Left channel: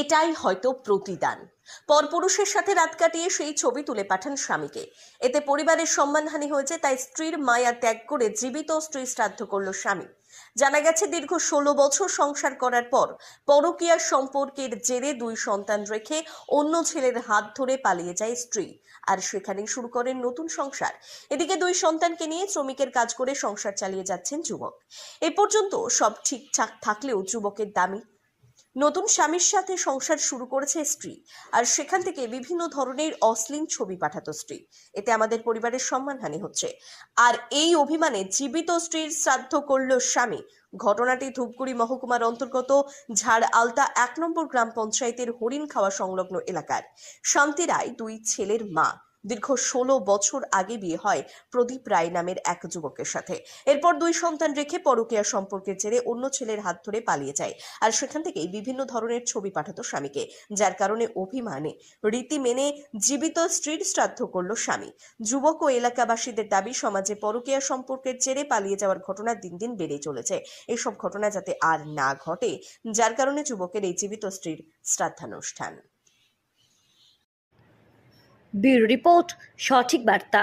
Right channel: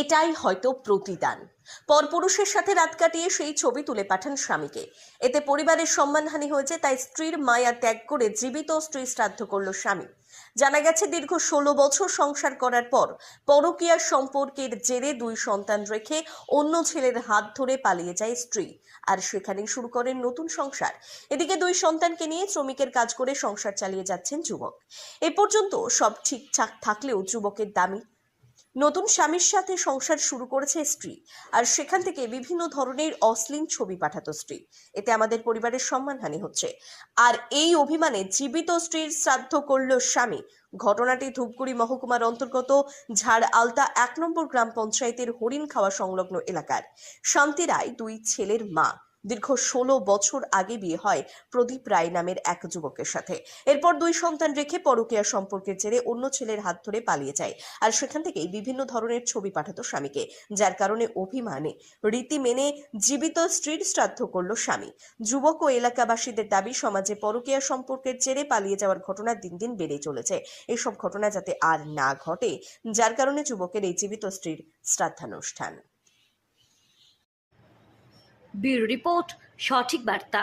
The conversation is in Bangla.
এটাই হয়তো প্রতিদান। পরপুরুষের সাথে রাত কাটিয়ে সেই ছবি তুলে পাঠান স্বামীকে। এতে পরিবারের সম্মানহানি হয়েছে, তাই স্ত্রীর মায়া ত্যাগ করে জীবিত স্ত্রী শ্রাদ্ধ করল স্বামী। জানা গেছে, দীর্ঘ 16 বছর সংসার করার পর পরকীয়া সম্পর্কের জেরে 2 সন্তান রেখে অন্য ছেলের হাত ধরে পালিয়ে যায় স্ত্রী, আর সেখানেই শুরু করেন নতুন সংসার। এদিকে 2 সন্তানকে নিয়ে শ্রমিকের কাজ করে সংসার চালিয়ে যাচ্ছেন যুবক। এ পর্যন্ত সব ঠিকঠাক থাকলেও যুবকের দাবি নতুন স্বামীর সাথে সংসার শুরু করেছে স্ত্রী, আর সেখান থেকে বিভিন্ন ধরনের অশ্লীল ছবি পাঠাতো স্ত্রী। এতে আমাদের পরিবারের সম্মানহানি হচ্ছে, আর এই অভিমানে জীবিত স্ত্রীর শ্রাদ্ধ করল স্বামী। ঘটনাটি ধূপগুড়ি মহকুমার অন্তর্গত ঝাড় আলতা 1 নম্বর গ্রাম পঞ্চায়েতের হরিণ খাওয়া সংলগ্ন এলাকার শান্তি রায় 2 ছেলের মা। দীর্ঘ 16 বছর আগে বিয়ে হয় প্রদীপ রায় নামের এক যুবকের সাথে। এরপর 2 সন্তান রেখে পরকীয়া সম্পর্কের জেরে অন্য ছেলের হাত ধরে পালিয়ে যায়, আর সেখান থেকেই বিভিন্ন ধরনের ছবি পাঠাতো স্বামীকে, যার কারণে অভিমানে রীতি মেনে জীবিত স্ত্রীর শ্রাদ্ধ করল স্বামী। যুবক ও এলাকাবাসীদের দাবি, সমাজে পরকীয়া সম্পর্কের জেরে পালিয়ে যাওয়ার ঘটনা দিন দিন বেড়ে চলেছে। এসব ঘটনা যাতে আর না ঘটে, যার কারণে যুবকের এই জীবিত স্ত্রীর শ্রাদ্ধানুষ্ঠান। ব্যুরো রিপোর্ট, সঠিক বার্তা।